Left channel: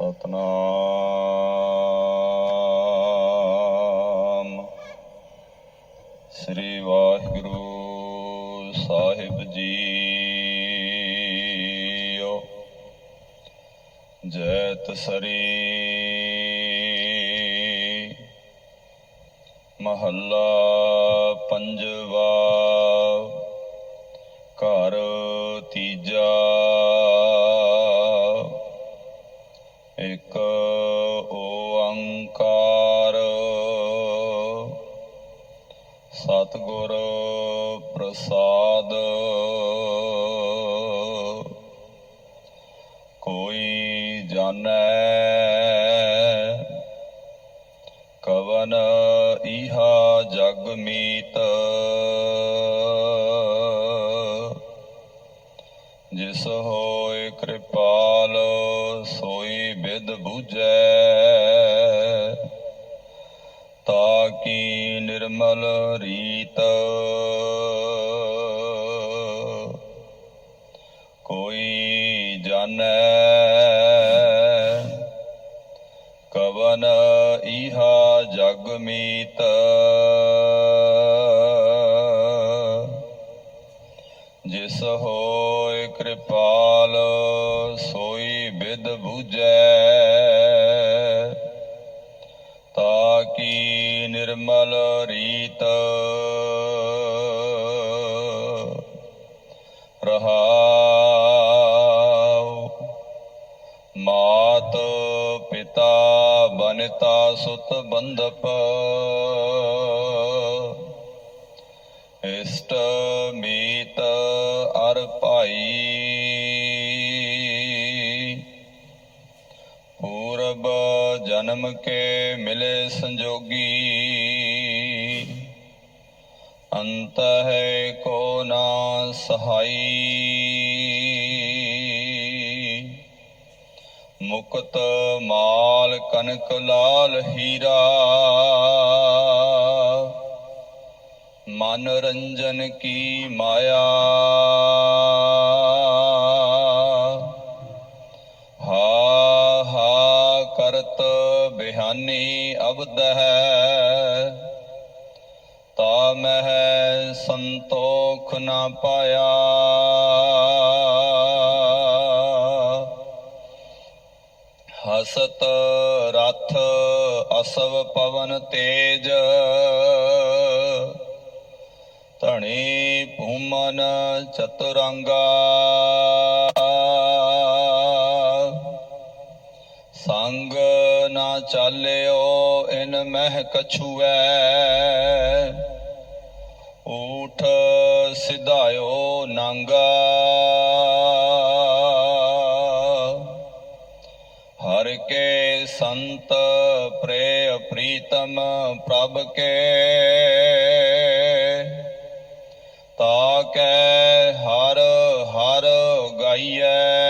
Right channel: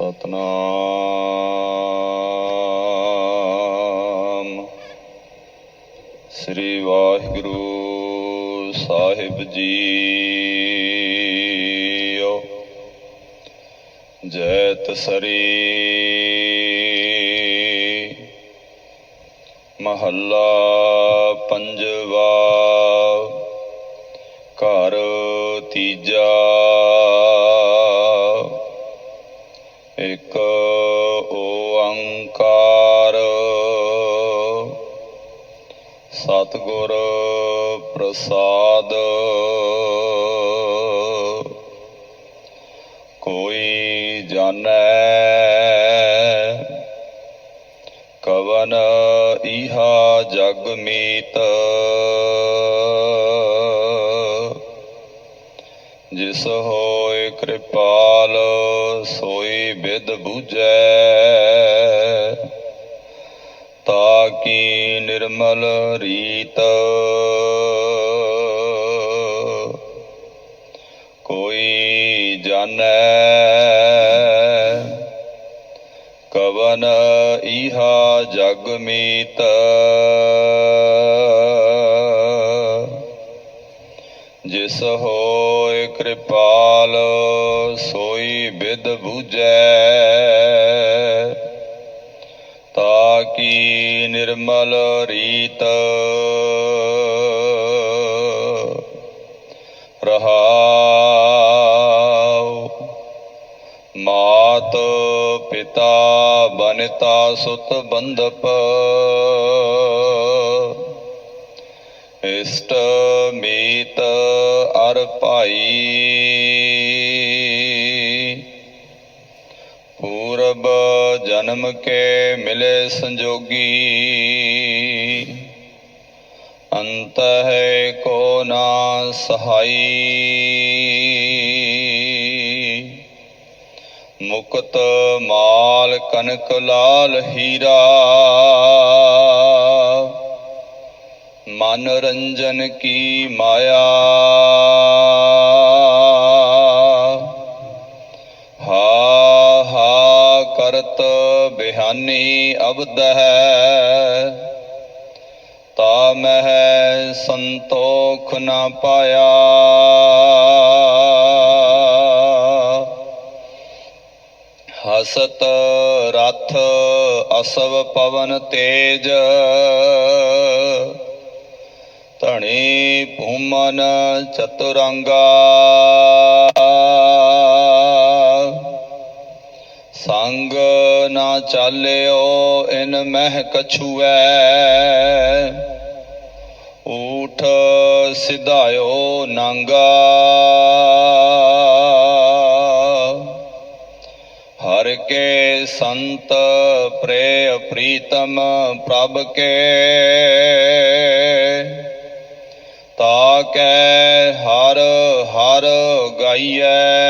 ਸਤਨਾਮ। ਸ੍ਰੀ ਵਾਹਿਗੁਰੂ ਸਾਹਿਬ ਜੀਓ। ਜੈਤ ਸਰੀ ਮਹੱਲਾ ਪੰਜਵਾ। ਘਰ ਤੀਜਾ। ਸਤਿਗੁਰ ਪ੍ਰਸਾਦ। ਕੋਈ ਜਾਣੈ ਕਵਨ ਇਹਾ ਜਗ ਮੀਤ। ਜਿਸ ਹੋਏ ਕਿਰਪਾਲ ਸੋਈ ਬਿਦ ਬੂਝੈ ਤਾ ਕੀ ਨਿਰਮਲ ਰੀਤ। ਕੋਈ ਜਾਣੈ ਕਵਨ ਇਹਾ ਜਗ ਮੀਤ। ਜਿਸ ਹੋਏ ਕਿਰਪਾਲ ਸੋਈ ਬਿਦ ਬੁਝੈ। ਨਿਰਮਲ ਰੀਤ। ਰਹਾਉ। ਮਾਤ ਪਿਤਾ ਬਨਤਾ ਸੁਤ ਬੰਧਪ। ਇਸ਼ਟ ਮੀਤ ਅਰ ਭਾਈ। ਪੂਰਬ ਜਨਮ ਕੇ ਮਿਲੇ ਸੰਜੋਗੀ। ਅੰਤ ਹੈ ਕੋ ਨਾ ਸਹਾਈ। ਮੁਕਤ ਮਾਲ ਕਨਕ ਲਾਲ ਹੀਰਾ। ਮਨੋਰੰਜਨ ਕੀ ਮਾਇਆ। ਬਿਹਾਨੀ ਹੈ। ਤਾ ਮਹਿ ਸੰਤੋਖ ਨਾ ਪਾਇਆ। ਹਸਤ ਰਥ ਅਸਵ ਪਵਨ ਤੇਜ। ਧਣੀ ਭੂਮਨ ਚਤੁਰੰਗਾ। ਸੰਗ ਨਾ ਚਾਲਿਓ, ਇਨ ਮਹਿ ਕਛੂਐ। ਊਠ ਸਿਧਾਇਓ ਨਾਂਗਾ। ਹਰ ਕੇ ਸੰਤ ਪ੍ਰੇ ਪ੍ਰੀਤਮ ਪ੍ਰਭ ਕੇ। ਤਾ ਕੈ ਹਰ ਹਰ ਗਾਈਐ।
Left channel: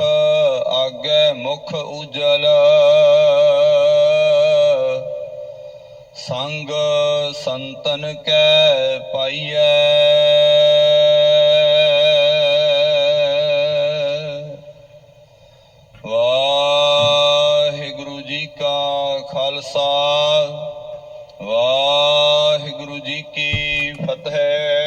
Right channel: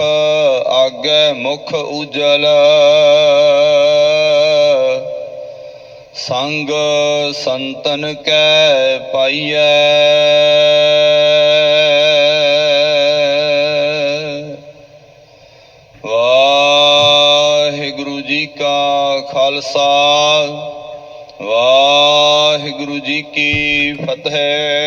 ਈਹਾ ਆਗੇ ਮੁਖ ਉਜਲ। ਸੰਗ ਸੰਤਨ ਕੈ ਪਾਈਐ। ਵਾਹਿਗੁਰੂ ਜੀ ਕਾ ਖਾਲਸਾ। ਵਾਹਿਗੁਰੂ ਜੀ ਕੀ ਫਤਿਹ।